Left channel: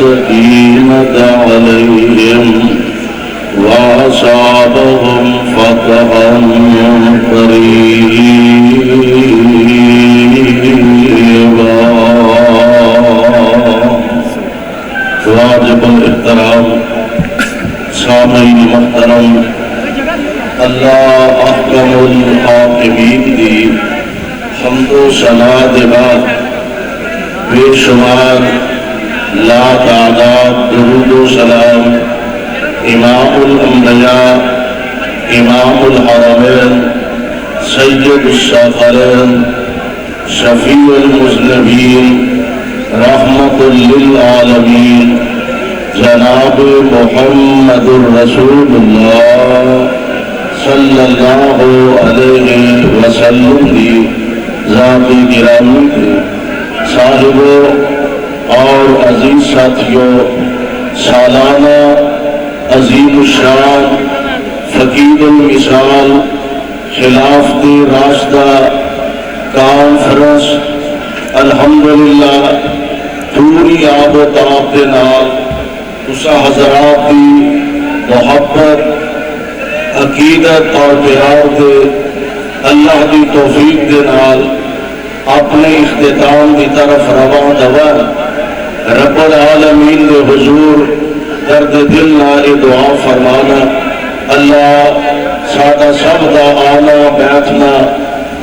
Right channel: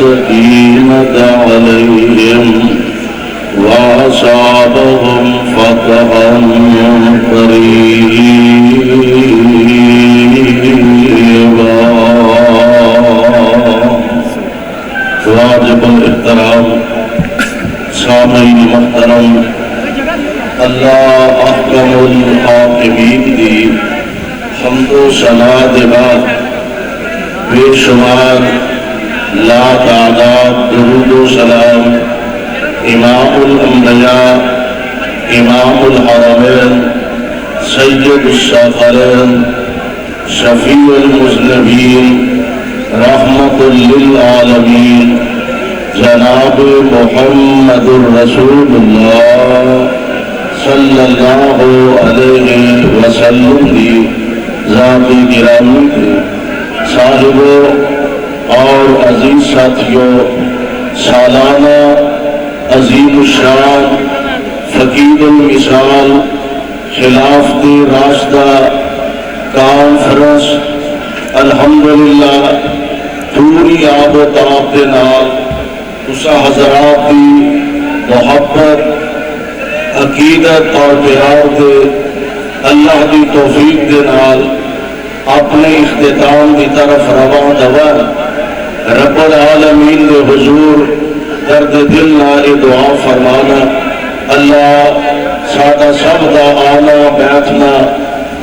السكينة عليهم وأصابهم فتحا قريبا. واجب الاحترام سامعین محترم، اللہ احکم الحاکمین دی حمد و ثنا دے بعد بے شمار لا تعداد درود و سلام امام الانبیاء امام الحرمین سید الثقلین شفیع المذنبین رحمت للعالمین جناب محمد الرسول اللہ صلی اللہ علیہ وسلم کی ذات گرامی کے صاحبوں اور عزیز ساتھیوں، سالانہ عظیم الشان فقیر المثال خلافت راشدہ کانفرنس الحمدللہ پوری آب و تاب کے نال اسا حضرات کی محبت عقیدت اور پیار دے اللہ کی توفیق دے نال اپنے اختتام کی طرف رواں دوا رب العالمین دے حضور درد دل نال دعا فرمانا اللہ سادہ سب دا آنا بیٹھنا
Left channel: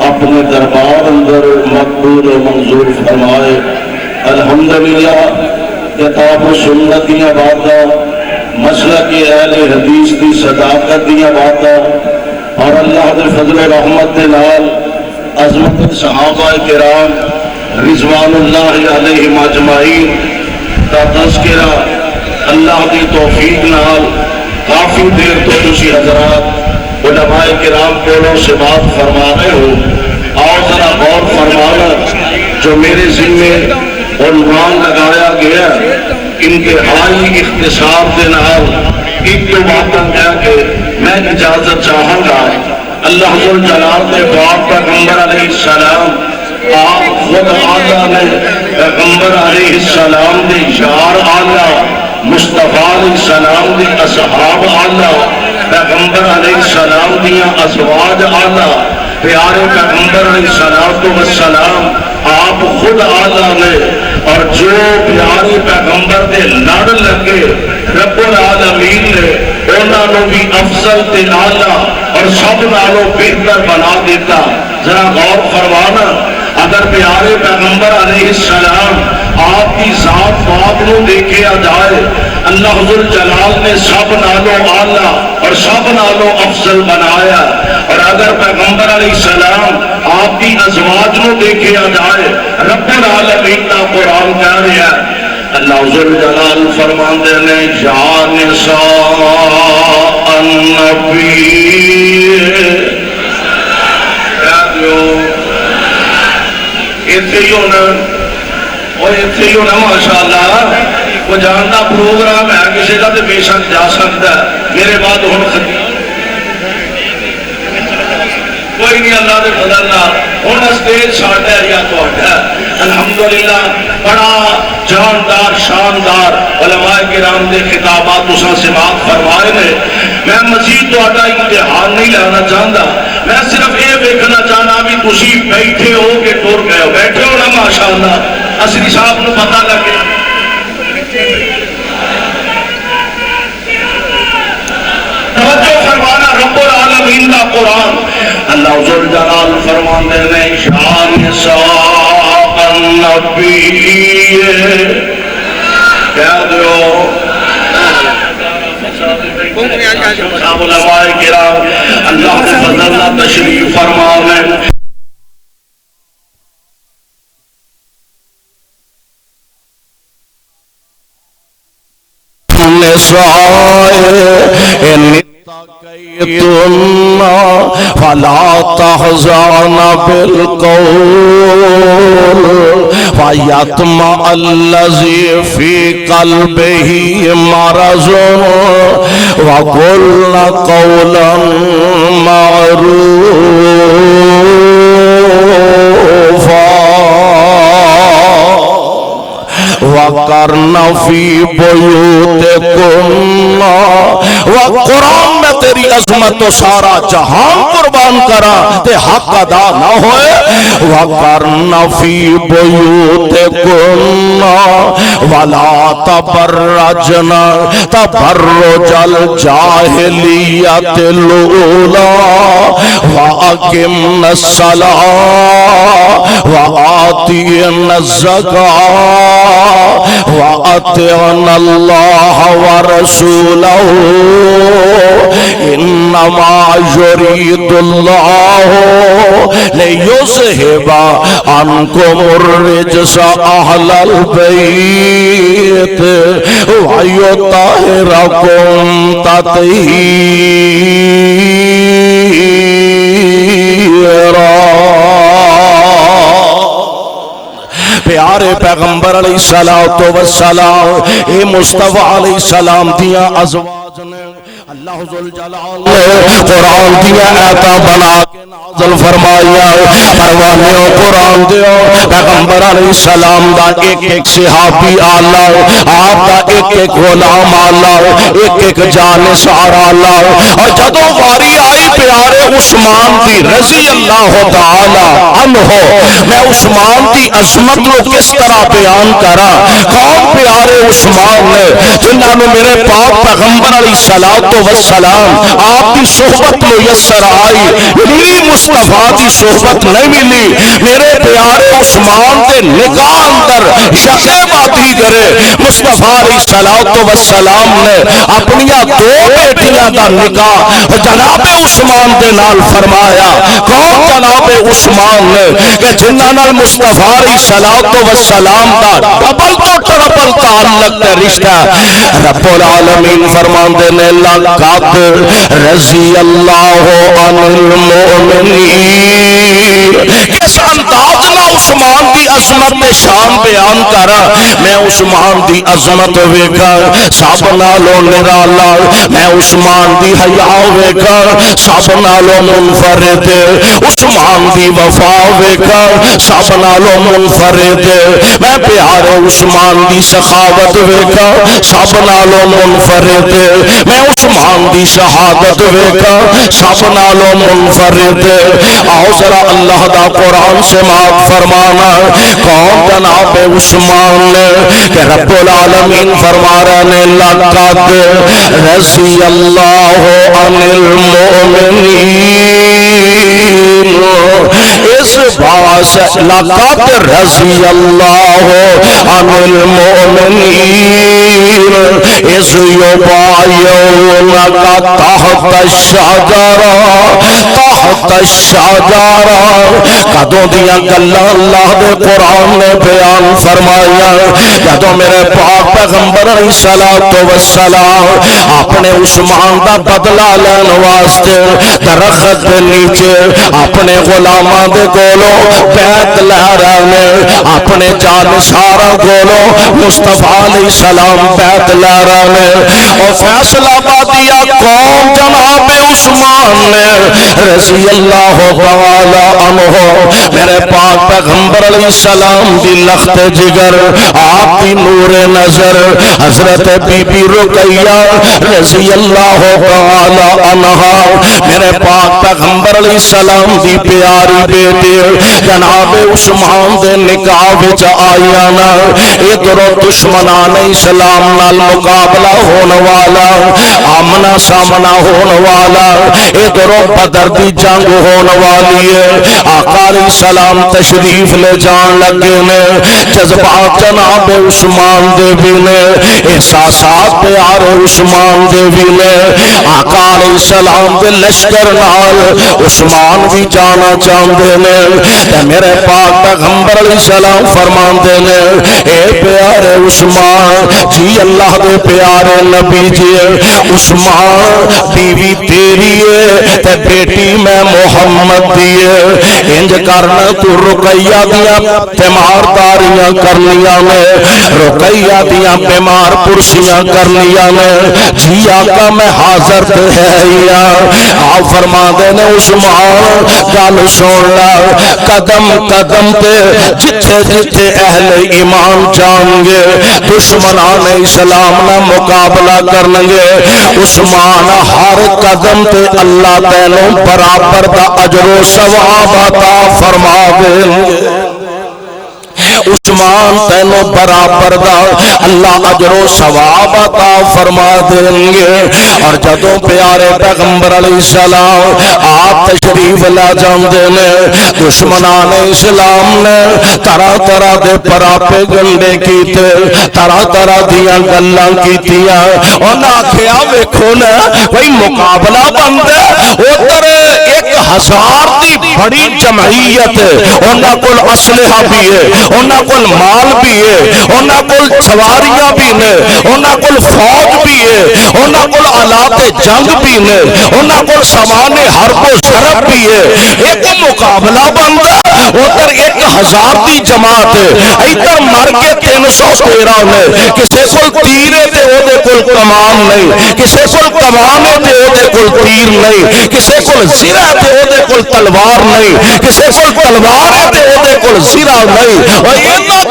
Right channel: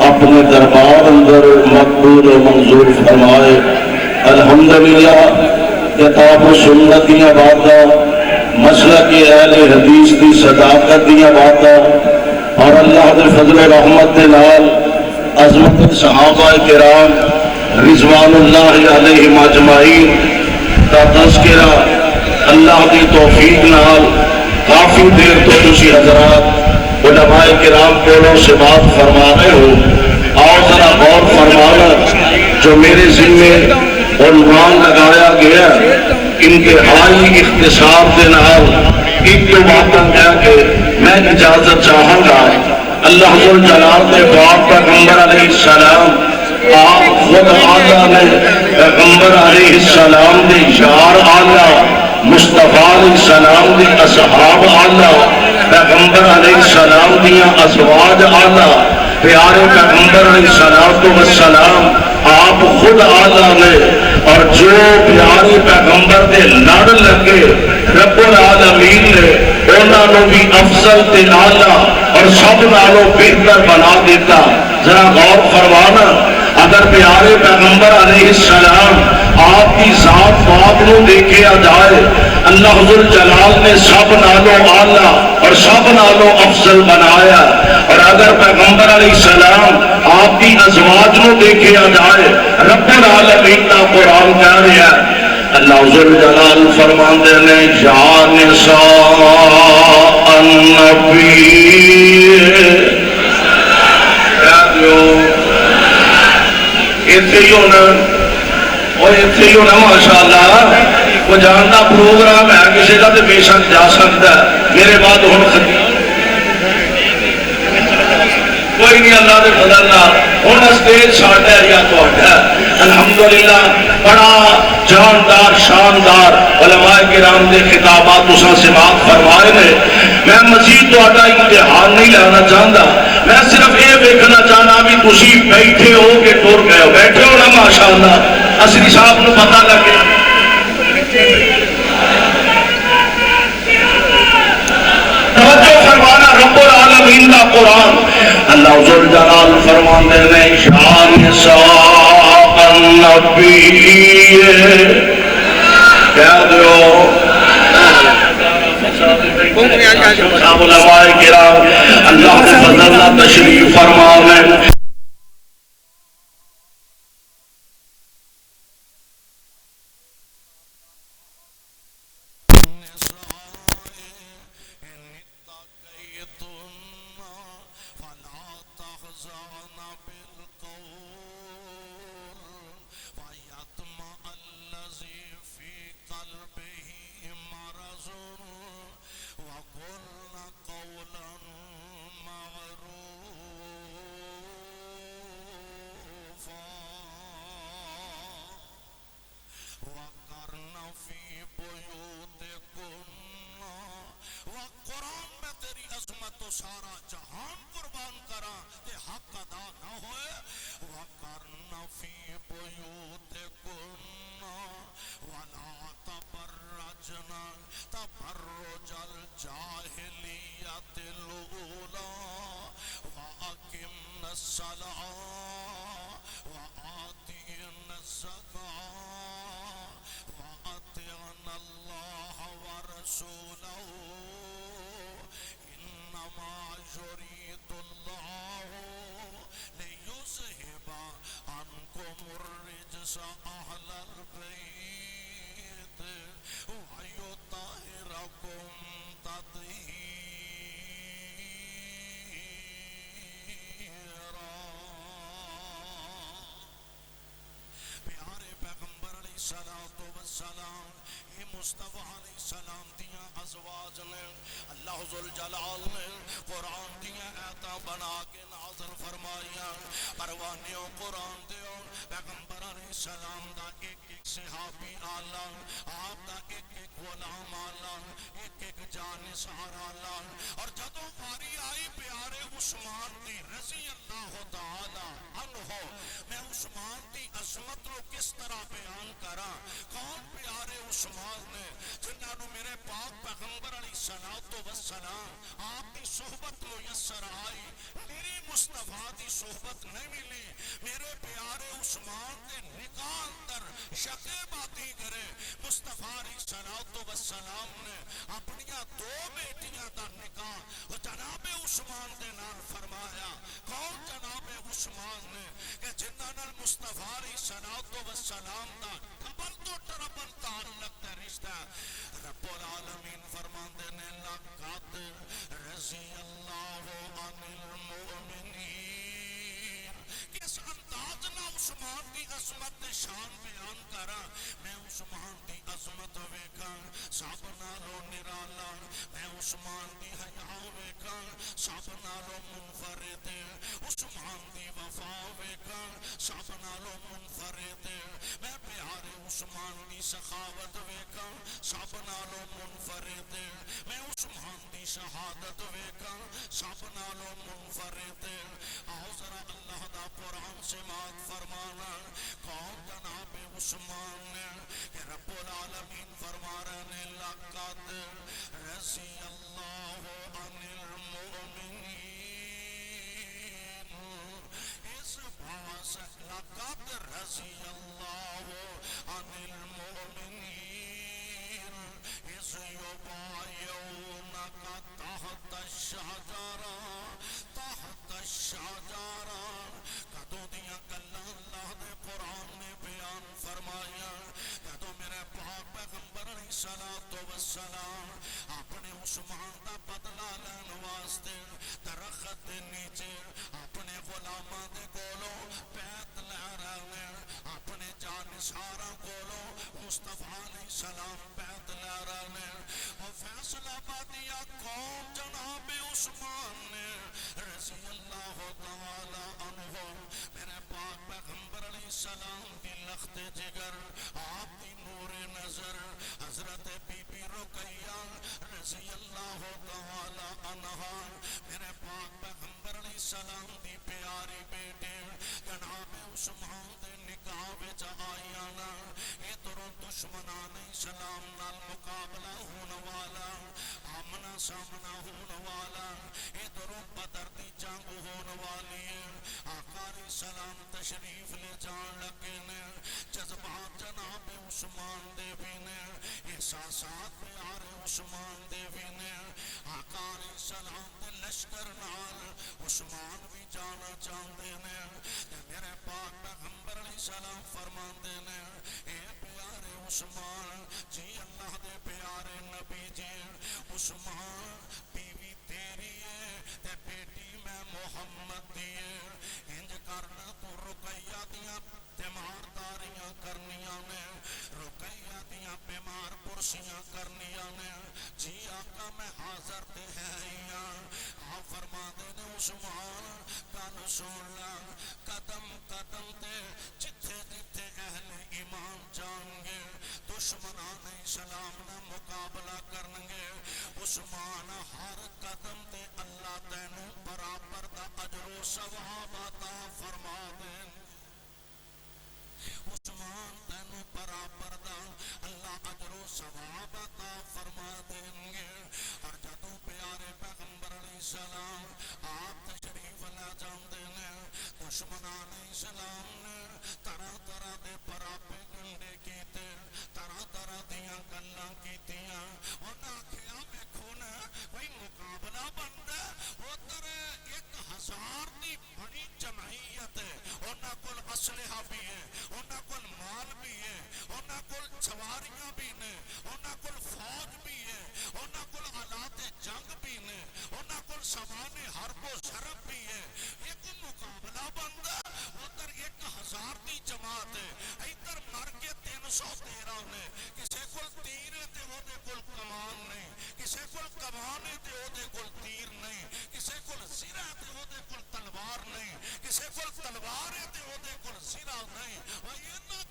اپنے دربار اندر مقبول و منظور فرمائے. الحمدللہ کتاب و سنت دیاں باتاں، مسلک اہل حدیث دی صداقت دیاں باتاں اور اللہ دے فضل رحمت دے نال عظمت صحابہ کرام رضوان اللہ علیہم اجمعین کا تذکرہ اللہ دی توفیق نال کافی دیر تو تسی حضرات علماء کرام کولوں سے بات فرما رہے ہو. اور ذرا غور فرمانا جو میرے ذمے عنوان لگایا گیا انتہائی اختصار دے نال ایک تو باتاں کیا کہ میں اجازت چاہوں گا اللہ جلال دے پاک پیغمبر علیہ السلام آپ خود آلہ نے پیغمبر علیہ السلام دے یار آلہ مصطفیٰ علیہ السلام دے اصحاب آلہ پیغمبر علیہ السلام دیاں ازواج آلہ پیارے پیغمبر علیہ السلام آپ خود آلہ نے اور جو پیارے پیغمبر دے لڑ لگے رب العالمین نے انہوں بھی افضل تے آلہ اور سب نالوں بہتر بنا دیتا. ذرا غور فرمانا اگر پیارے پیغمبر علیہ السلام آپ کی ذات پاک نو دیکھا جائے اللہ حضور جلال نے سب نالوں آلہ اور سب نالوں افضل بنایا. اور اگر پیغمبر علیہ السلام آپ کی ازواج نو دیکھا جائے رب العالمین کا قرآن کہہ رہا ہے اللہ حضور جلال فرماندے نے یا نساء النبی کہہ دیو ایتھے ہی ہونا اور ایتھے ہی ہونا ماشاءاللہ. وہ جانتا پروگرام ہے کسی کا تو بے شک جا سکتا ہے. میرے بعد ہوں کوئی نہیں اللہ دے فضل نال ہن اسٹیج ساڈا ہے یا تہاڈا ہے. الحمدللہ بڑا جاندار شاندار علماء کرام دے خطابات تساں سماعت فرمائے نے. میں مزید تہاڈا امتحان نہیں لینا چاہتا، میں صرف یہ دیکھنا چاہنا بھی تسی بیٹھے ہو کہ ٹر گئے ہو. بیٹھے ہو نا ماشاءاللہ اصلی صاحب نو پتہ لگے. توجہ فرمانا رب العالمین کا قرآن اللہ ذو الجلال فرماندے نے شان نساء النبی کہہ دو علماء کرام اللہ کے فضل اللہ تشریف فرمانے. فلا تحزن بالقول فيطمع الذي في قلبه مرض وقل قولا معروفا وَقَرْنَ فِي بُيُوتِكُنَّ قرآن میں تیری عظمت تو سارا جہان قربان کرا تے حق ادا نہ ہوئے وَقَرْنَ فِي بُيُوتِكُنَّ وَلَا تَبَرَّجْنَ تَبَرُّجَ الْجَاهِلِيَّةِ الْأُولَى وَأَقِمْنَ الصَّلَاةَ وَآتِينَ الزَّكَاةَ وَأَطِعْنَ اللَّهَ وَرَسُولَهُ إِنَّمَا يُرِيدُ اللَّهُ لِيُذْهِبَ عَنكُمُ الرِّجْسَ أَهْلَ الْبَيْتِ وَيُطَهِّرَكُمْ تَطْهِيرًا پیارے پیغمبر علیہ السلام اے مصطفیٰ علیہ السلام دیا ازواج نے اللہ ذوالجلال نے قرآن دیا آیتاں بنا کے نازل فرمایا پروانیوں قرآن دیو پیغمبر علیہ السلام دا ایک ایک صحابی آلہ آپ دا ایک ایک غلام آلہ ایک ایک جانثار آلہ اور جدوں واری آئی پیارے عثمان دی رضی اللہ تعالی عنہ میں عثمان دی عظمت کو کس طرح بیان کرا کون پیارے عثمان نے جنہاں نے میرے پاک پیغمبر علیہ السلام آپ کی صحبت میسر آئی میری مصطفیٰ دی صحبت نہیں ملی میرے پیارے عثمان دے نکاح اندر شقیباتی کرے مصطفیٰ علیہ السلام نے اپنی دو بیٹیاں دا نکاح جناب عثمان دے نال فرمایا کون جناب عثمان نے کہ جنہاں نال مصطفیٰ علیہ السلام دا ڈبل تو ٹربل تعلق تے رشتہ رب العالمین فرمان دے نے لقد رضی اللہ عن المؤمنین کس انداز نہ عثمان دی عظمت میں شان بیان کرا میں عثمان دی عظمت ویکھا سب نالوں نرالا میں عثمان دی حیا ویکھا سب نالوں منفرد عثمان دی وفا ویکھا سب نالوں منفرد میں پیارے عثمان دی سخاوت ویکھا سب نالوں منفرد میں عثمان دی شہادت ویکھا سب نالوں منفرد آؤ ذرا اللہ دا قرآن سے مات فرمانا کون جناب عثمان نے کہ رب العالمین فرما رہے نے لقد رضی اللہ عن المؤمنین اس باس لقد رضی اللہ عن المؤمنین اس یبایعونک تحت الشجرہ کدوں دیا گلاں اللہ دے قرآن نے بیان فرمایا جدوں میرے پاک پیغمبر علیہ السلام اپنے عثمان دا بدلہ لین واسطے درخت دے نیچے اپنے غلاماں دے کولوں بیعت لے رہے نے اپنے جانثاراں کولوں مصطفیٰ علیہ السلام بیعت لے رہے نے اور فیصلہ بادیا قوم جناب عثمان نے رضی اللہ تعالی عنہ میرے پاک پیغمبر علیہ السلام دی لخت جگر آپ کی نور نظر حضرت بی بی رقیہ رضی اللہ تعالی عنہ میرے پاک پیغمبر علیہ السلام دی پیاری بیٹی جناب عثمان دے نکاح وچ آئیانا ادھر دشمنان اسلام نال مقابلہ ہونے والا آمنا سامنا ہونے والا ادھر بدر دی جنگ ہونے والی ہے آقا علیہ السلام تشریف لے جان لگے نے جذبات جناب عثمان دے بھی نے احساسات پیار عثمان دے بھی نے آقا علیہ السلام دے لشکر نال عثمان بھی جانا چاہتے نے میرے پاک پیغمبر علیہ السلام فرمان دے نے اے پیارے عثمان جی اللہ دے پیارے نبی جی عثمان بیوی تیری ہے تے بیٹی میں محمد دیئے انج کرنا تو رقیہ دیاں بیمار داریاں کرنیاں میں رقیہ دیاں بیمار پرسیاں کرنیاں میں جی آقا میں حاضر عزت ہے یا آپ فرما دینے عثمان گل سن لا قدم قدم تے جتھے جتھے اہل ایمان جان گے دشمنان اسلام نہ مقابلہ کرنگے عثمان ہر قدم تے اللہ تینوں برابر دا اجر و ثواب عطا فرما دیں عثمان تینوں برابر دا اللہ اجر و ثواب عطا فرما دیں گے اور جدوں پیارے پیغمبر علیہ السلام آپ تشریف لا جاندے نے دشمنان اسلام نے طرح طرح دے پراپے گنڈے کیتے طرح طرح دیاں گلاں کیتیاں انہاں آکھیا ویکھو نا کوئی مقابلہ بندے ادھر 1000 دی بڑی جمعیت انہاں کول اسلحہ بھی ہے انہاں کول مال بھی ہے انہاں کول سواریاں بھی نے انہاں کول فوج بھی ہے انہاں کول آلات جنگ بھی نے انہاں کول سامان حرب و ضرب بھی ہے ایک مقابلہ بندا ادھر 1000 دی جماعت ہے ادھر مر کے 313 نے کسے کول تیر ہے تے او دے کول کمان نہیں کسے کول کمان ہے تے او دے کول تیر نہیں کسے کول زرہ ہے تے او دے کول تلوار نہیں کسے کول تلوار ہے تے او دے کول زرہ نہیں اور اینا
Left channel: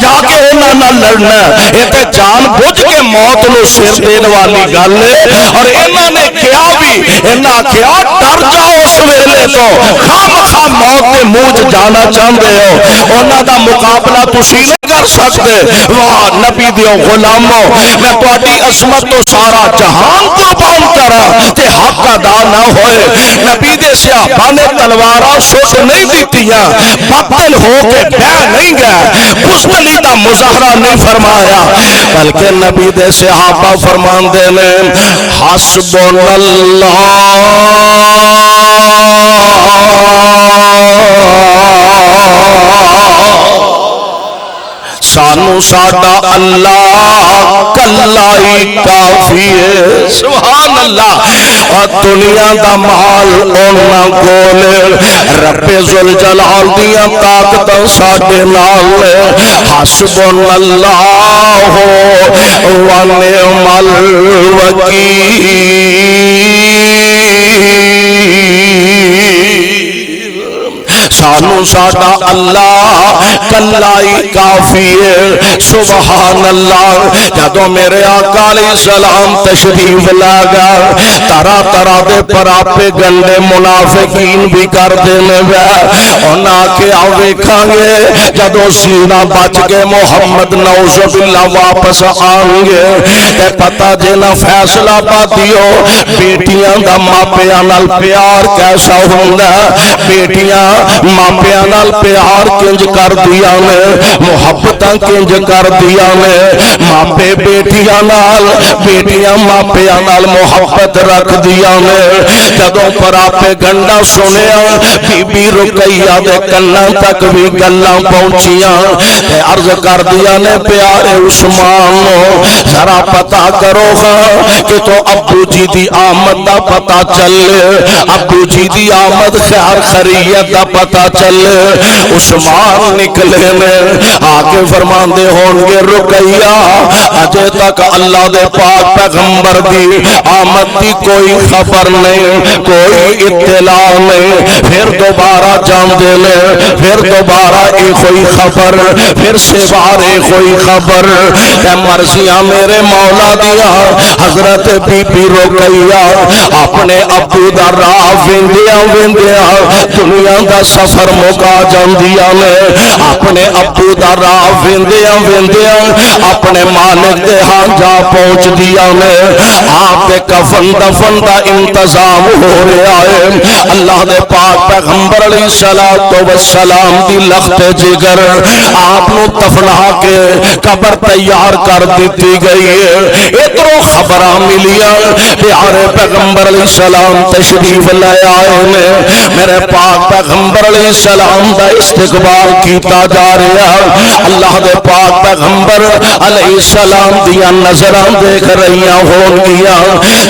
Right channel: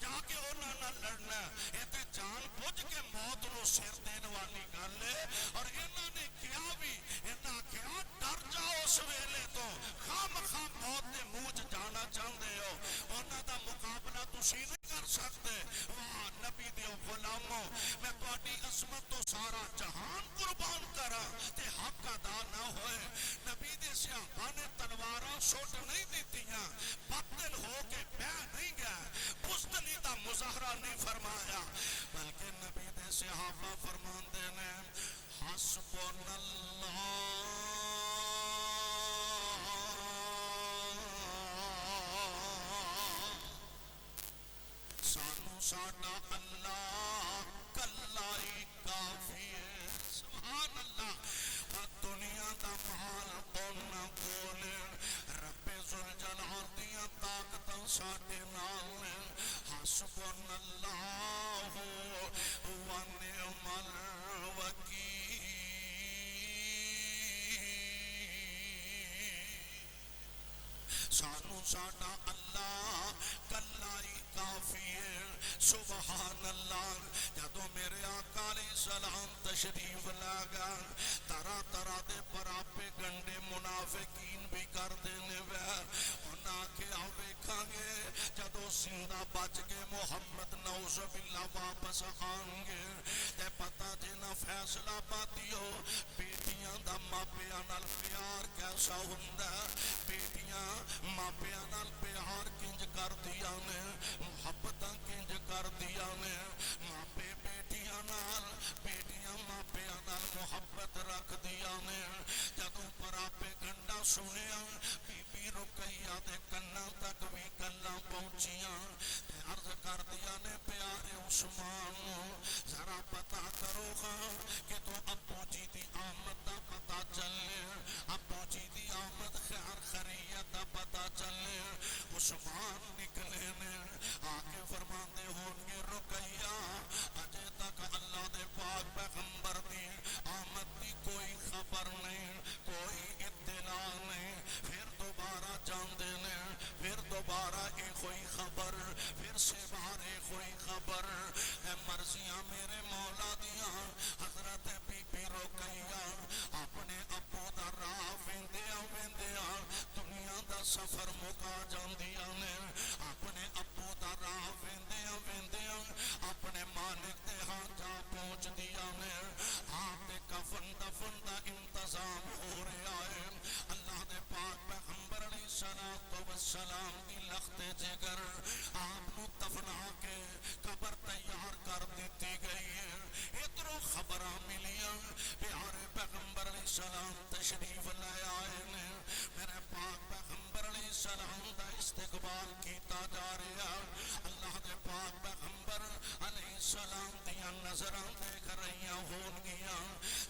جا کے انہاں نہ لڑنا یہ تے جان بوجھ کے موت نو سر دین والی گل ہے اور انہاں نے کیا بھی انہاں کیا ڈر جاؤ اس ویلے تو خام موت کے منہ جانا چاہتے ہو انہاں دا مقابلہ تسی نہیں کر سکتے واہ نبی دیو غلاموں میں تہاڈی عظمت تو سارا جہان قربان کرا تے حق ادا نہ ہوئے نبی دے صحابہ نے تلواراں سٹ نہیں دیتیاں باطل ہو کے بہ نہیں گئے بزدلی دا مظاہرہ نہیں فرمایا بلکہ نبی دے صحابہ فرمان دے نے حسبنا اللہ سانو ساڈا اللہ کلائی کافی ہے سبحان اللہ اور دنیا دا مال اونا کول رب ذوالجلال دیاں طاقتاں ساڈے نال حسبنا اللہ و نعم الوکیل سانو ساڈا اللہ کلائی کافی ہے سبحان اللہ جدو میرے آقا علیہ السلام تشریف لاگا طرح طرح دے پراپے گنڈے منافقین بھی کر دینے گئے انہاں کے آویکھاں گے جدو سینہ بچ کے محمد نعوذ باللہ واپس آنگے تے پتہ جینا فیصلہ پاتیو بیٹیاں دا ماپیاں نال پیار کیسا ہوندہ بیٹیاں ماپیاں نال پیار کنج کر دیا نے محبتاں کنج کر دیا نے ماپے بیٹیاں نال بیٹیاں ماپیاں نال محبت رکھ دیا نے جدوں پر آپے گنڈا سنیا بی بی رقیہ دے کناں تک بھی گلاں پہنچیاں تے عرض کر دیا نے پیارے عثمان ذرا پتہ کرو گا کہ تو ابو جی دی آمد دا پتہ چلے ابو جی دی آمد خیر خریت دا پتہ چلے عثمان نکلے نے آگے فرمان دے ہونگے رقیہ اجے تک اللہ دے پاک پیغمبر دی آمد دی کوئی خبر نہیں کوئی اطلاع نہیں پھر دوبارہ جان دے لے پھر دوبارہ ایک کوئی خبر پھر سے بار ایک کوئی خبر کہ مرضیاں میرے مولا دیا حضرت بی بی رقیہ اپنے ابو دا راہ ویندیاں دنیا دا سفر مکا جاندیاں نے اپنے ابو دا راہ ویندیاں اپنے مالک دے ہاں جا پہنچ دیا نے آپ کے کفن دفن دا انتظام ہو رہا ہے اللہ دے پاک پیغمبر علیہ السلام دی لخت جگر آپ نو دفنا کے قبر تیار کر دیتی گئی ہے اترو خبراں ملیا پیارے پیغمبر علیہ السلام تشریف لے آئے نے میرے پاک پیغمبر علیہ السلام دا استقبال کیتا جا رہا اللہ دے پاک پیغمبر علیہ السلام دیا نظران دیکھ رہیاں ہون گیا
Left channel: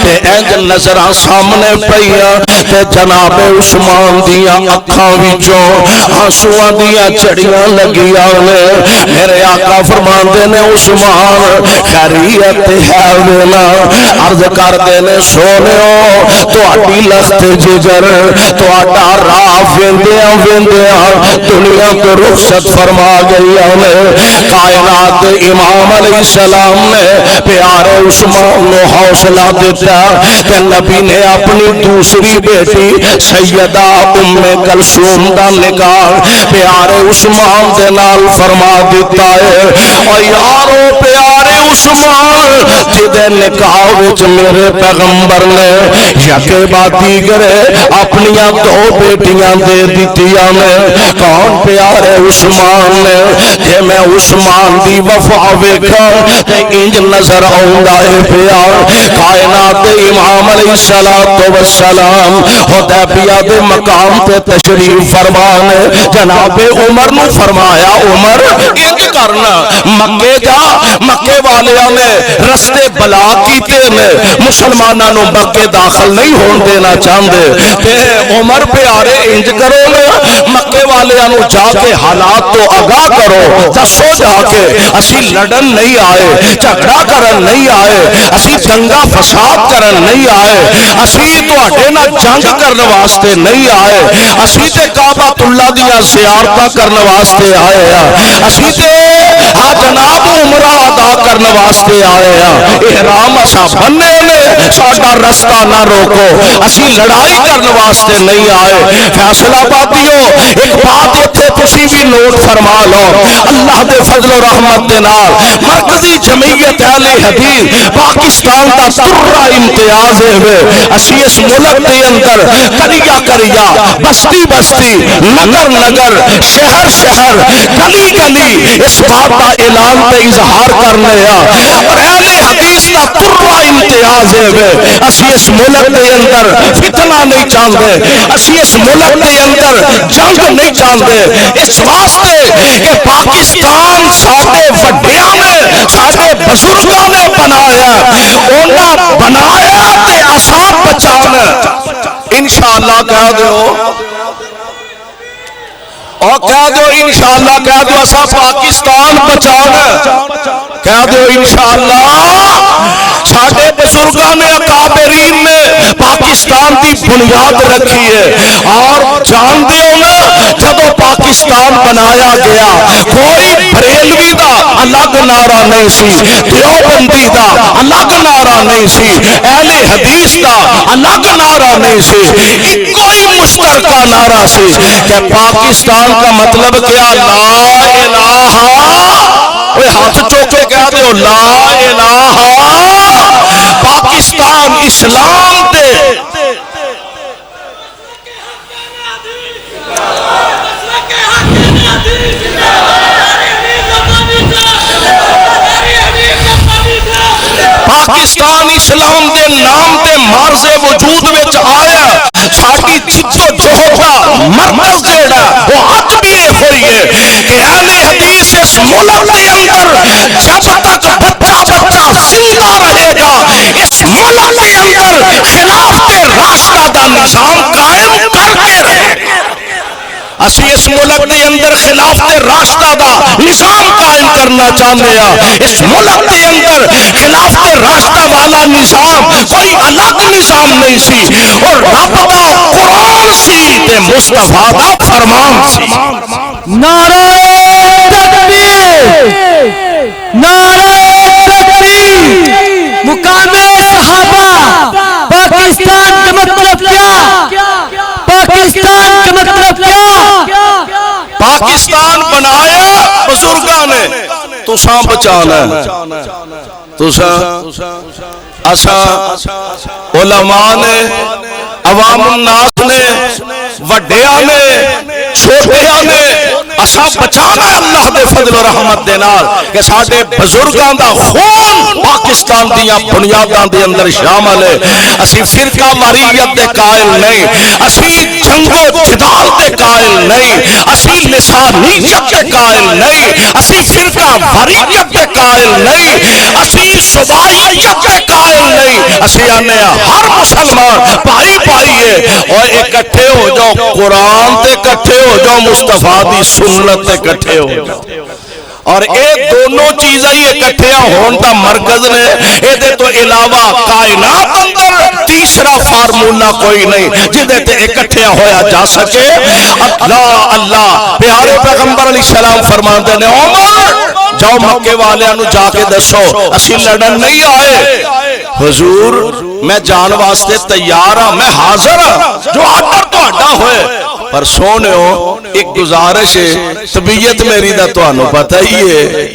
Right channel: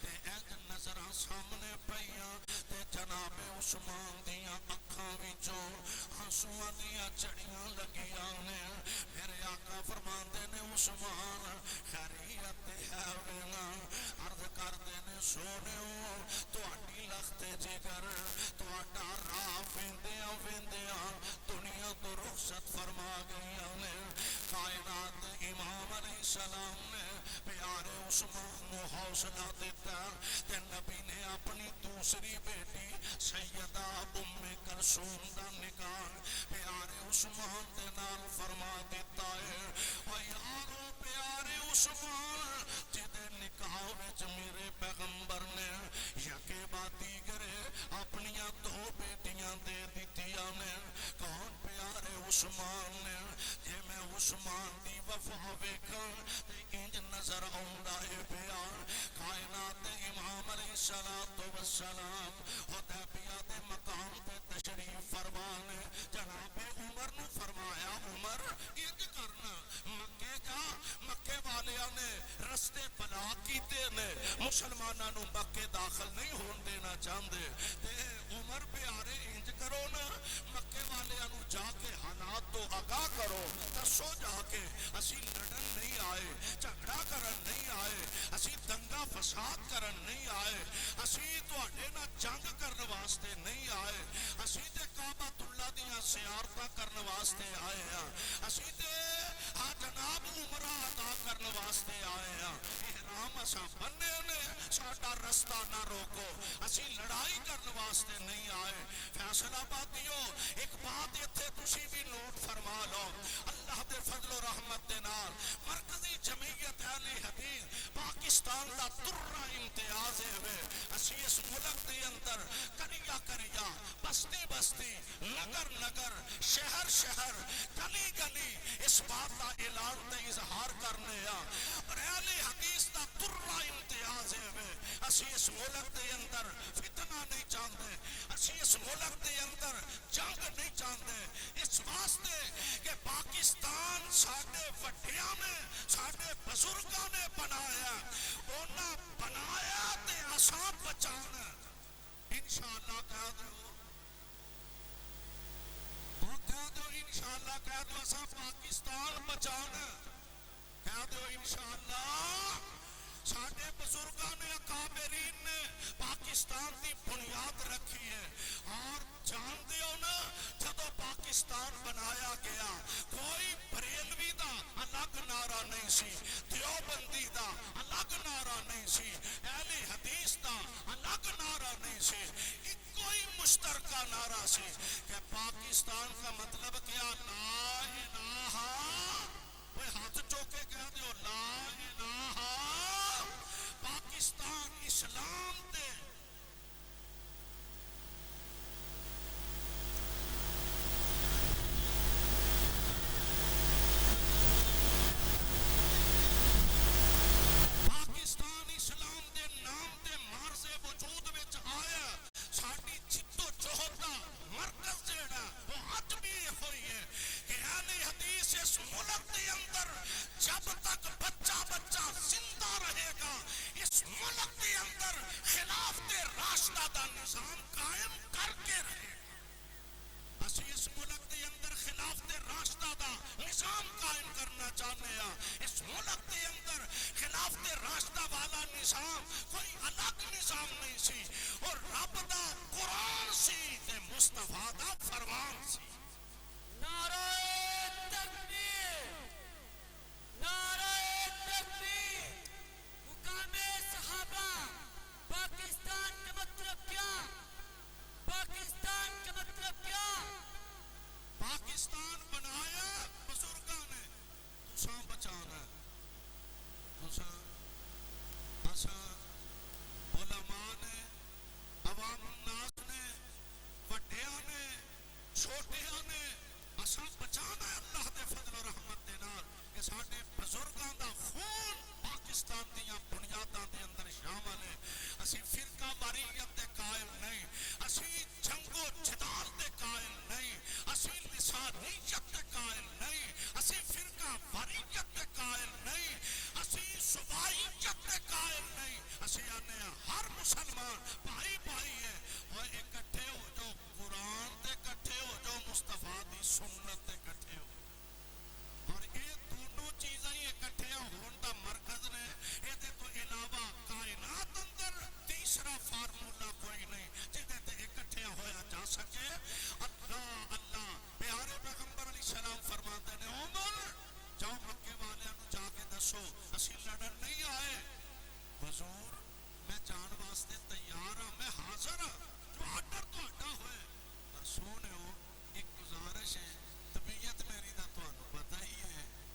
تے اینج نظران سامنے پئیاں تے جناب عثمان دیا اکھاں وچوں آنسواں دیا چڑیاں لگیاں نے میرے آقا فرمان دے نے عثمان خیریت ہے وینا عرض کر دے نے سونے تو آٹی لخت جگر تو آٹا راہ ویندیاں ویندیاں دنیا کو رخصت فرما گئی ہمیں کائنات امام علیہ السلام نے پیارے عثمان نے حوصلہ دیتا کہ نبی نے اپنی دوسری بیٹی سیدہ ام کلثوم دا نکاح پیارے عثمان دے نال فرما دیتا ہے اور یارو پیارے عثمان جدے نکاح وچ میرے پیغمبر نے یکے باتی کرے اپنیاں دو بیٹیاں دے دیتیاں نے کون پیارے عثمان نے کہ میں عثمان دی وفا ویکھا تے انج نظر آوندا ہے پیار کائنات امام علیہ السلام حدیبیہ دے مقام تے تشریف فرمانے جناب عمر نو فرمایا عمر انج کرنا مکے جا مکے والیاں نے رستے بلا کیتے نے مسلماناں نو مکے داخل نہیں ہون دینا چاہندے تے عمر پیارے انج کرو نا مکے والیاں نو جا کے حالات تو آگاہ کرو دسو جا کے اسی لڑن نہیں آئے جھگڑا کرن نہیں آئے اسی دنگا فساد کرن نہیں آئے اسی تواڈے نال جنگ کرن واسطے نہیں آئے اسی تے کعبۃ اللہ دیاں زیارتاں کرن واسطے آئے ہیں اسی تے ہاں جناب عمرہ ادا کرن واسطے آئے ہیں احرام اساں بننے نے ساڈا رستہ نہ روکو اسی لڑائی کرن واسطے نہیں آئے فیصلہ بادیو ایک بات اتھے تسی بھی نوٹ فرما لو اللہ دے فضل و رحمت دے نال مرکزی جمعیت اہل حدیث پاکستان دا ترہ امتیاز ہے اسی اس ملک دے اندر کریا کریا بستی بستی نگر نگر شہر شہر گلی گلی اس بات کا اعلان تے اظہار کرنے اور اہل حدیث دا ترہ امتیاز ہے اسی اس ملک دے اندر فتنہ نہیں چاہتے اسی اس ملک دے اندر جنگ نہیں چاہتے اس واسطے کہ پاکستان ساڈے وڈیاں نے ساڈے بزرگاں نے بنایا انہاں بنایا تے اساں بچانا انشاءاللہ کہہ دو اور کہہ دو انشاءاللہ کہہ دو اساں پاکستان بچانا کہہ دو انشاءاللہ ساڈے بزرگاں نے اکابرین نے پاکستان کی بنیاد رکھی ہے اور جان دیو نا جدو پاکستان بنایا گیا کوئی بریلوی دا الگ نعرہ نہیں سی دیوبندی دا الگ نعرہ نہیں سی اہل حدیث دا الگ نعرہ نہیں سی کوئی مشترکہ نعرہ سی کہ پاکستان کا مطلب کیا لا الہ اوہ ہاتھ چوکے کہہ دے لا الہ پاکستان اسلام دے پاکستان اسلام دے نام دے مرز وجود وچ آیا ساڈی جدو جہد دا مرکز جیڑا وہ اج بھی ہوئی ہے کہ اہل حدیث اس ملک دے اندر جب تک بچہ بچہ زندہ رہے گا اس ملک کے اندر خلافت راشدہ دا نظام قائم کر کے رہے گا اسی اس ملک دے اندر خلافت راشدہ دا نظام قائم کرنا چاہتے ہیں اس ملک دے اندر خلافت راشدہ والا نظام کوئی الگ نظام نہیں سی اور رب دا قرآن سی تے مصطفیٰ دا فرمان سی نعرہ تکبیر نعرہ تکبیر مقام صحابہ پاکستان کا مطلب کیا پاکستان کا مطلب کیا پاکستان بنایا بزرگاں نے تساں بچانا تساں اساں علماء نے عوام الناس نے وڈیاں نے چھوٹیاں نے اساں بچانا ہے اللہ دے فضل و رحمت دے نال کہ ساڈے بزرگاں دا خون پاکستان دیاں بنیاداں دے اندر شامل ہے اسی فرقہ واریت دے قائل نہیں اسی جنگ و جدال دے قائل نہیں اسی لسانیت دے قائل نہیں اسی فرقہ واریت دے قائل نہیں اسی صوبائیت دے قائل نہیں اسی آنے ہر مسلمان پائی پائی ہے اور اکٹھے ہو جاؤ قرآن تے اکٹھے ہو جاؤ مصطفیٰ دی سنت تے اکٹھے ہو جاؤ اور اے دونوں چیزیں ہی اکٹھیاں ہون دا مرکز نے، اے دے تو علاوہ کائنات اندر تیسرا فارمولا کوئی نہیں جدے تے اکٹھیاں ہویا جا سکے۔ اللہ اللہ پیارے پیغمبر علیہ السلام فرماندے نے عمر جاؤ مکے والے انو جا کے دسو اسی لڑن نہیں آئے، حضور میں جان واسطے تیار ہاں، میں حاضر ہاں، جو آڈر تو آڈا ہوئے، پر سونے ہو ایک گزارش ہے، طبیعت میری دا تو انو پتہ ہی ہے،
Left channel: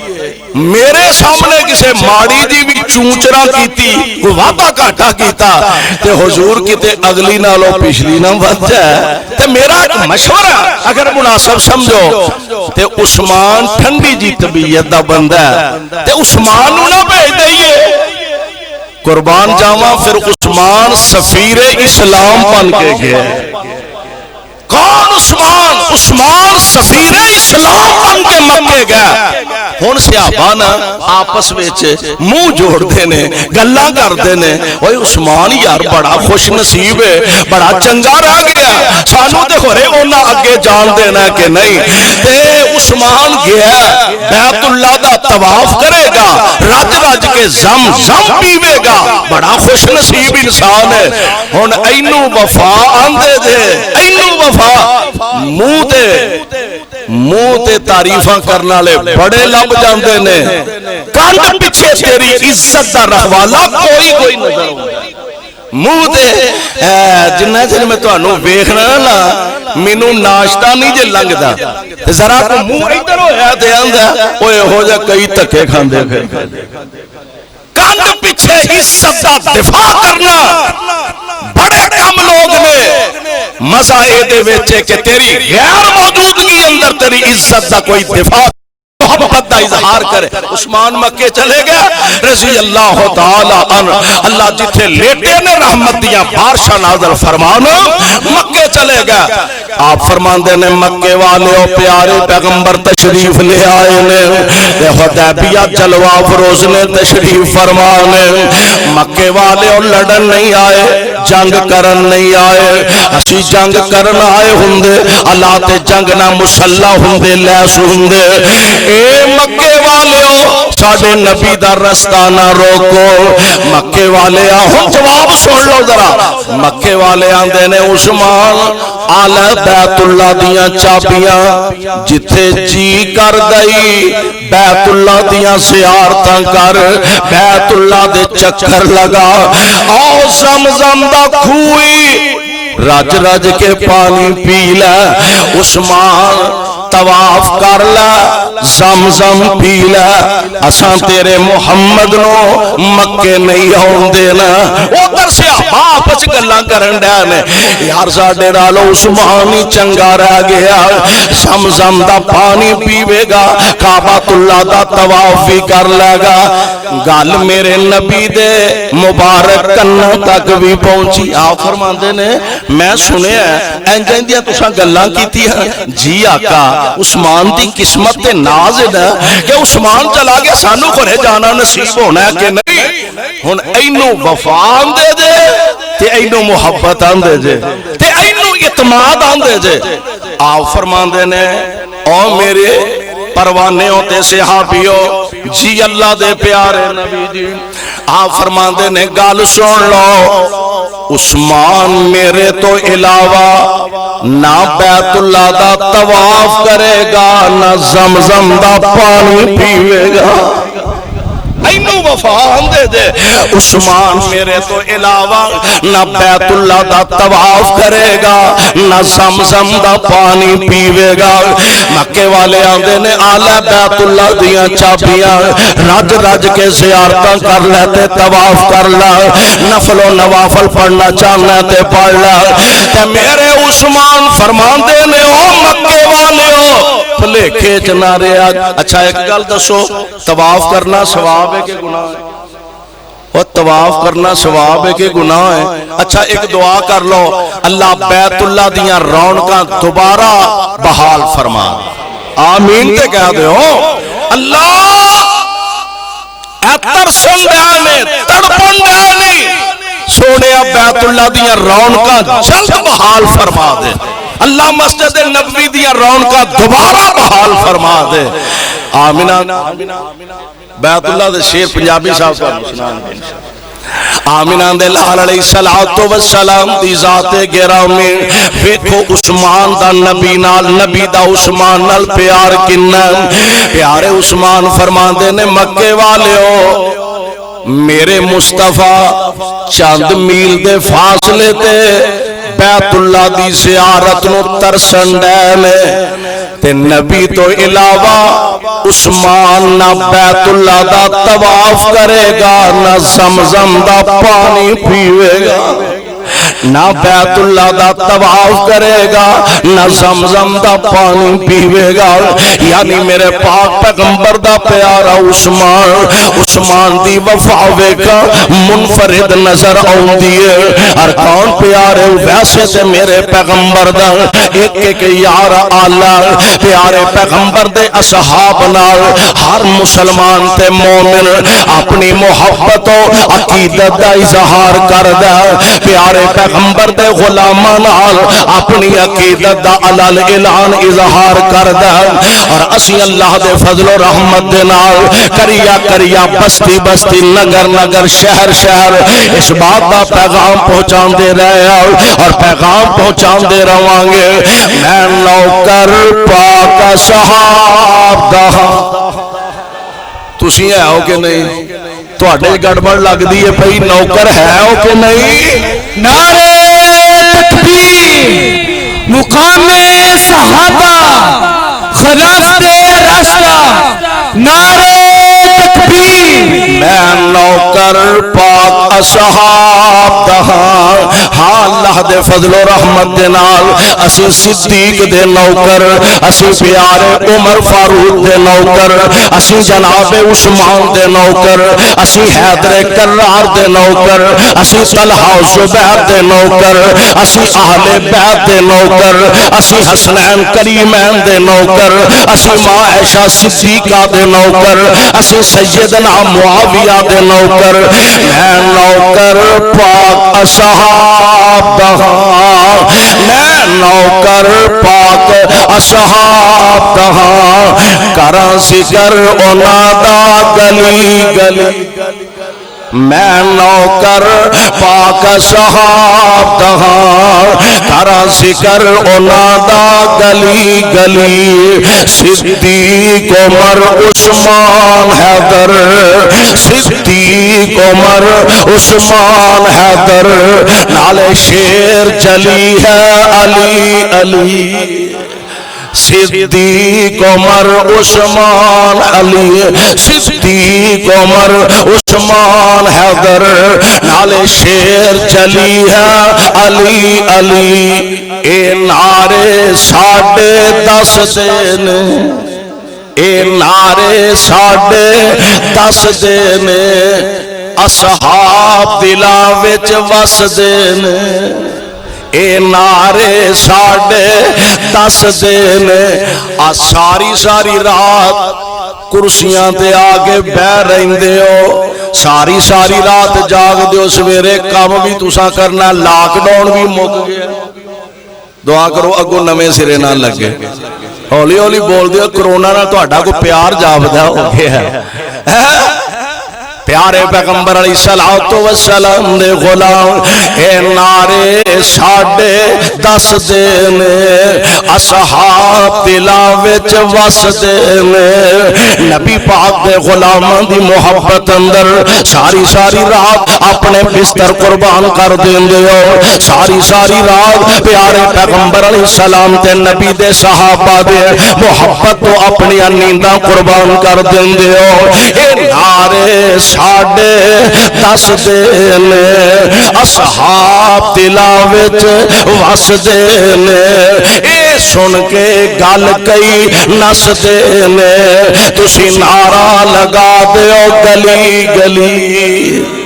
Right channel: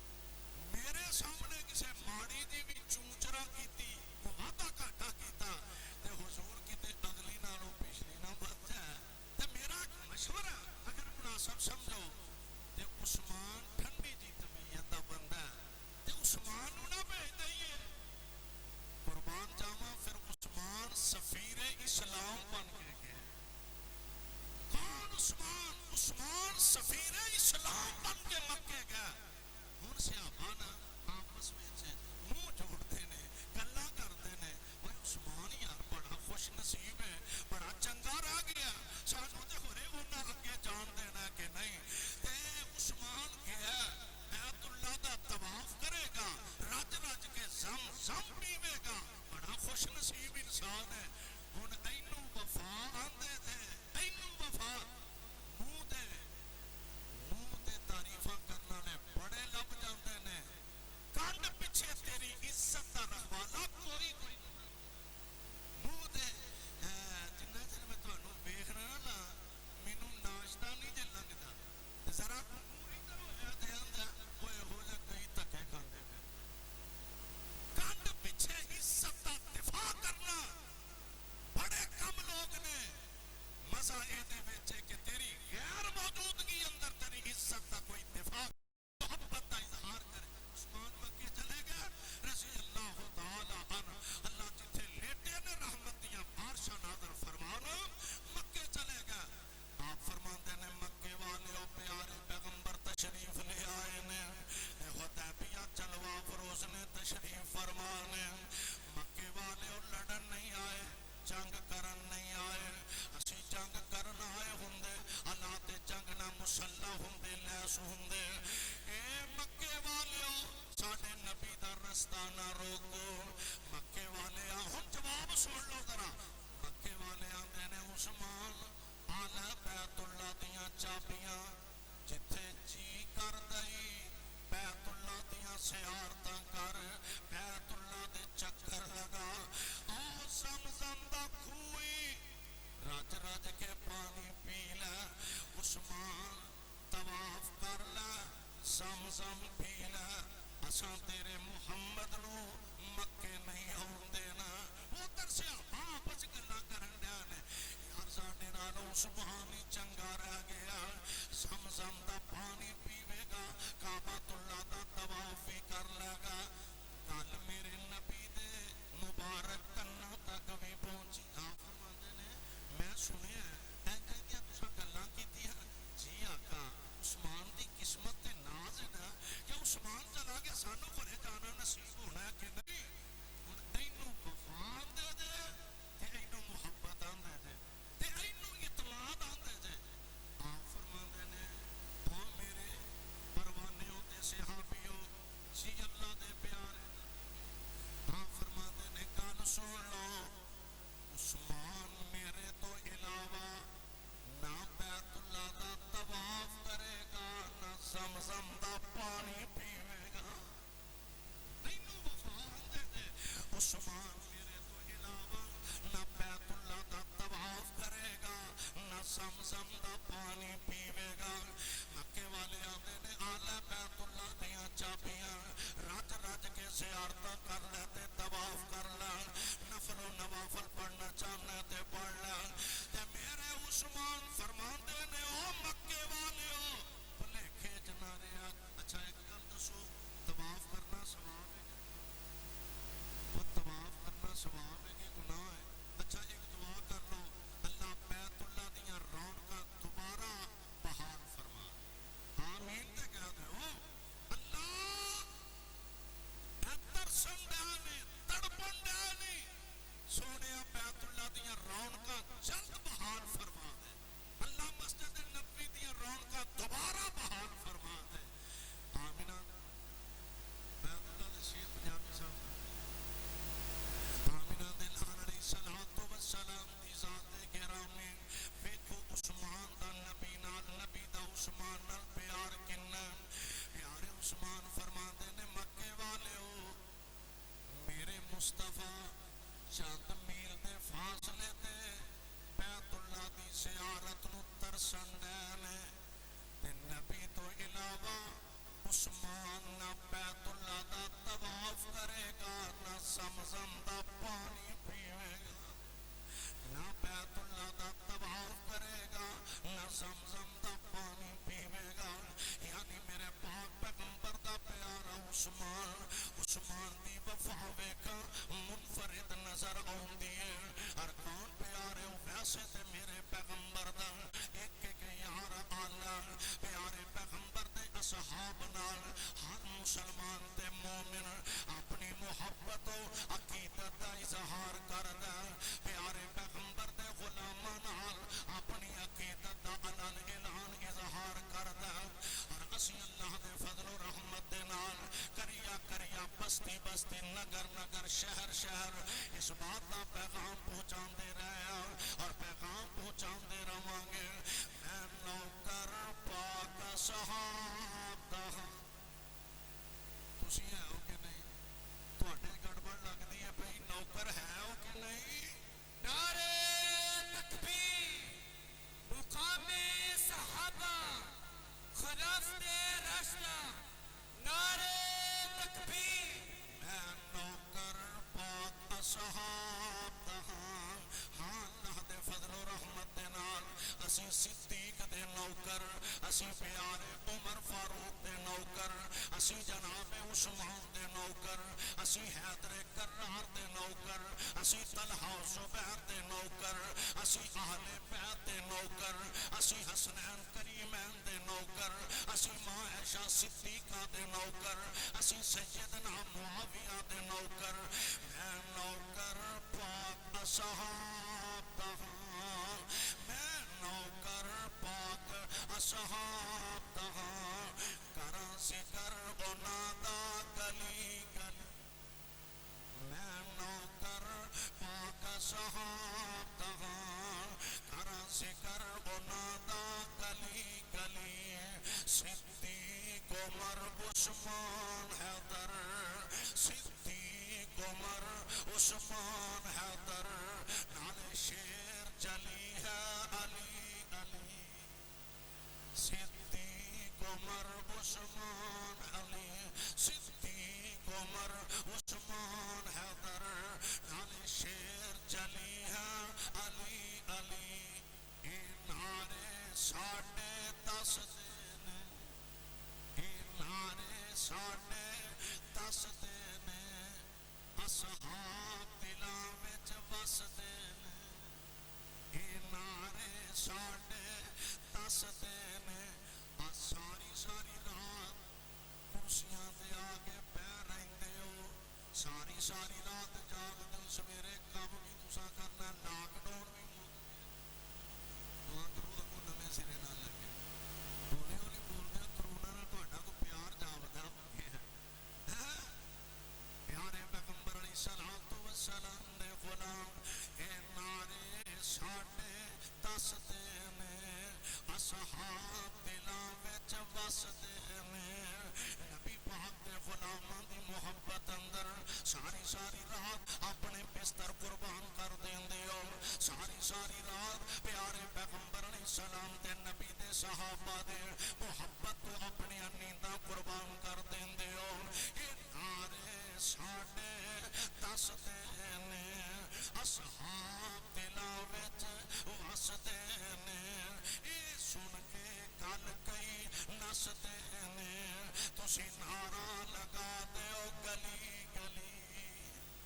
میرے سامنے کسے ماڑی دی بھی چونچرا کیتی کوئی وعدہ کاٹا کیتا تے حضور کیتے اگلی نالو پچھلی نہ بد جائے تے میرا ایک مشورہ اگر مناسب سمجھو تے عثمان ٹھنڈی جی طبیعت دا بندہ ہے تے عثمان نہ بھیج دئیے، قربان جاواں پھر عثمان سفیر اسلام بن کے گئے۔ کون عثمان؟ عثمان سفیر اسلام بن کے مکے گئے۔ ہون صحابہ نا آپس ویچ منہ جوڑ دینے گلہ کر دینے، اوہ عثمان یار بڑا خوش نصیب ہے، بڑا چنگا رہ گیا، سانو دے خورے اونا اگے جان دینا کہ نہیں۔ تے عثمان گیا بیت اللہ دا طواف کرے گا، رج رج کے زم زم پیوے گا، بڑا خوش نصیب انسان ہے۔ ہون اینو وفا آندے دے، اینو وفا منہ تے تعریفاں کرنا لے بڑے لب جاندے نے، کانڈ پچھے تیری عزت دا رہوالا کوئی نظر ہوں منہ تے جنہ جن میں تو انہوں ویکھنا نا مینوں ناشتہ نہیں جے لنگ دا ذرا کو منہ ادھر ہویا دے آندہ اوے ہو جا کئی تکے کھاندے پھر کانڈ پیچھے عزت دا دفاع کرنا بڑے کم لوگ نے، مزہ اے دے ویچے کہ تیری غیر موجودگی اندر تیری عزت دا کوئی دفاع محبت دا اظہار کرے۔ عثمان مکے چلے گیا رضی اللہ تعالی عنہ، اللہ جتھے لیٹے نے رحمت دیا بارشاہ نازل فرمانا، مکے چلے گیا۔ آپ فرماندے نے مکے والے او پیارے پیغمبر تشریف لے آئے نے، حدیبیہ جلوہ افروز نے تشریف فرمانے، مکے والے او لڑن نہیں آئے، جنگ کرن نہیں آئے، اسی جنگ کرن آئے ہندے، اللہ تے جنگ نہ مسلح ہندے لیس ہندے۔ اے مکے والے ہو ساڑھے نبی دا رستہ نہ روکو، مکے والے ہوں جواب سن لو ذرا، مکے والے آندے نے عثمان آلہ بیت اللہ دیاں چابیاں جتھے جی کر دئی بیت اللہ دیاں زیارتاں کر، بیت اللہ دے چکر لگا، آؤ زمزم دا کھوئی رج رج کے پانی پی لے، عثمان طواف کر لے، زمزم پی لے، اساں تیرے محمد نو مکے نہیں آن دینا۔ ادھر سے آپس گلاں کرن ڈے نے، یار ساڈے نالوں عثمان ہی چنگا رہ گیا، زمزم دا پانی پیوے گا، کعبۃ اللہ دا طواف بھی کر لے گا۔ گل میرے نبی دے مبارک کنوں تک بھی پہنچی۔ آپ فرماندے نے میں سنیا انجن دیا تساں گلاں کیتی ہیں، جی آقا عثمان دی قسمت تے ناز ہے کہ عثمان چلا گیا سانو گھرے جانا نصیب ہونا ہے کہ نہیں۔ ہن اینو وفا آندے جے تے اینو محبت آندے جے تے اینو اعتماد آندے جے۔ آپ فرماندے نے او میرے پروانے ہوتے صحابیو جی اللہ دے پیارے نبی جی، آپ فرماندے نے گال سن لو، عثمان میرے تو علاوہ نہ بیت اللہ دا طواف کرے گا نہ زمزم دا پانی پیوے گا۔ اینو وفا آندے دے، عثمان میرے تو علاوہ نہ بیت اللہ دا طواف کرے گا نہ زمزم دا پانی پیوے گا۔ مکے والے آندے نے آلہ بیت اللہ دیاں چابیاں رج رج کے زیارتاں کر لیتے، طواف کر لا، نفل و نوافل پڑھنا چاہنا تے پڑھ لا۔ تے میرے عثمان فرماندے نے او مکے والے ہو پلے کھیچ نہ رہا۔ اچھا ایک گل دسو، طواف کرنا ثواب ہے کہ گناہ ہے؟ اور طواف کرنا ثواب ہے کہ گناہ ہے؟ اچھا ایک دعا کر لو، اللہ بیت اللہ دیاں رونقاں دوبارہ بحال فرما، آمین تے کہہ دے ہو۔ اللہ اے ترسن دیانے تڑپن دیانے سونے بیت اللہ دیاں رونقاں جلد بحال فرما دے، اللہ مسجد نبوی دیاں رونقاں دوبارہ بحال فرما دے۔ آمینہ بیت اللہ دے شیر پنجابی صاحب کو سنان دے آمینہ دے لال علیہ السلام دی ذات گرامی ویکھو عثمان دا نبی نال نبی دا عثمان نال پیار کننا پیارے عثمان فرمان دے نے مکے والے ہو میرے مصطفیٰ چند میل دے فاصلے تے بیت اللہ دی زیارت نو ترسن ڈینے تے نبی تو علاوہ عثمان نہ بیت اللہ دا طواف کرے گا نہ زمزم دا پانی پیوے گا نہ بیت اللہ دا طواف کرے گا نہ زمزم دا پانی پیوے گا یعنی میرے پاک پیغمبر دا پیارا عثمان دی وفاوے کا منفرد نظر آن دیئے اور کون پیارے ویسے تے میرے پیغمبر دا ایک ایک یار آلہ پیارے پیغمبر دے اصحاب نال ہر مسلمان تے مومن اپنی محبت و عقیدت دا اظہار کردہ پیارے پیغمبر دے غلامان نال اپنی عقیدت دا علال اعلان اظہار کردہ اور اسی اللہ دے فضل و رحمت دے نال کریا بستی بستی نگر نگر شہر شہر اس بات دا پیغام پہنچان دے رہے اور پیغام پہنچان دے روانگے میں نوکر پاک صحاب دا تسی ہے ہو کہ نہیں تو اڈے گڑبڑ لگ دیئے پہی نوکر ہے ہو کہ نہیں نعرہ تکبیر مقام صحابہ خلافت راشدہ نعرہ تکبیر میں نوکر پاک اصحاب دہاں ہاں اللہ دے فضل و رحمت دے نال اسی صدیق دے نوکر اسی پیارے عمر فاروق دے نوکر اسی جناب عثمان دے نوکر اسی حیدر کرار دے نوکر اسی طلحہ زبیر دے نوکر اسی اہل بیت دے نوکر اسی حسنین کریمین دے نوکر اسی ماں عائشہ صدیقہ دے نوکر اسی سیدنا معاویہ دے نوکر میں نوکر پاک اصحاب دہاں میں نوکر پاک اصحاب دہاں کراں ذکر اونا دا گلی گلی میں نوکر پاک صحاب دہاں کراں ذکر اونا دا گلی گلی صدیق عمر عثمان حیدر صدیق عمر عثمان حیدر نالے شیر چلی ہے علی علی صدیق عمر عثمان علی صدیق عمر عثمان حیدر نالے شیر چلی ہے علی علی اے نعرے ساڑھے 10 دن اے نعرے ساڑھے 10 دن اصحاب دلاں وچ وس دن اے نعرے ساڑھے 10 دن ساری رات کرسیاں تے آگے بہ رہندے ہو ساری رات جاگ دیو سویرے کام بھی تساں کرنا لاک ڈاؤن بھی مک گیا دعا کرو اگو نمے سرے نہ لگے ہولی ہولی بول دیو کرونا نہ تو اڈا کو پیار جاودہ ہو گیا ہے پیارے پیغمبر علیہ السلام دے غلام اے نعرے ساڑھے 10 دن اصحاب دلاں وچ وس دن نبی پاک دے غلامان دی محبت اندر ساری رات اپنے بستر قربان کر دیندے ہو ساری رات پیارے پیغمبر علیہ السلام تے نبی دے صحابہ دے محبت تو اپنی نینداں قربان کر دیندے ہو اے نعرے ساڑھے 10 دن اصحاب دلاں وچ وس دن اے سن کے گل کئی نس دن تسی نعرہ لگا دیو گلی گلی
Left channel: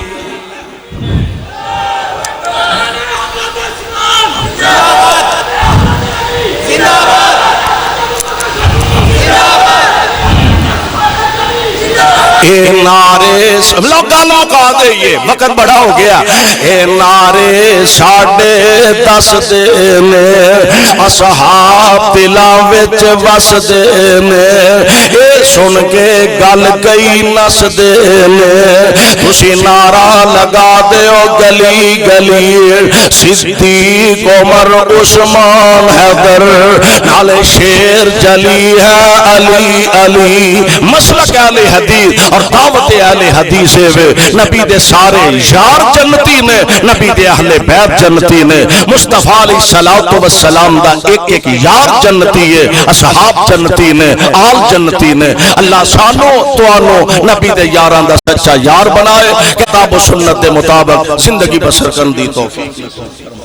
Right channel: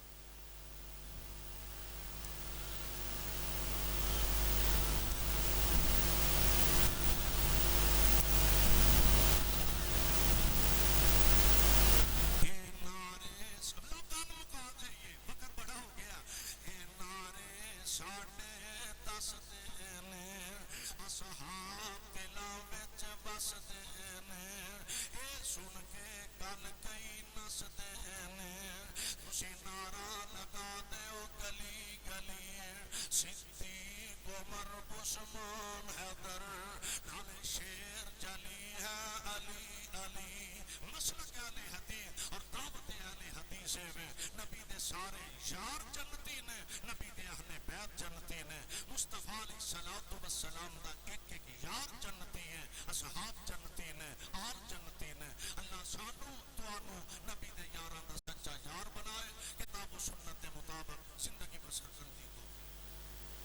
اے نعرے لوگ گل مکا دے، یہ وقت بڑا ہو گیا، اے نعرے ساڑھے دس دینے اصحاب دلاں وچ وس دینے، اے سن کے گل گئی نس دینے، تسی نعرہ لگا دے او گلی گلی صدیق عمر عثمان حیدر نالے شیر جلی ہے علی علی، مسلک اہل حدیث اور دعوت اہل حدیث نبی دے سارے یار جنتی نے، نبی دے اہل بیت جنتی نے، مصطفیٰ علیہ السلام دا ایک ایک یار جنتی ہے، اصحاب جنتی نے، آل جنتی نے۔ اللہ سانو توانو نبی دے یاران دا سچا یار بنائے، کتاب و سنت دے مطابق زندگی بسر کرن دی توفیق۔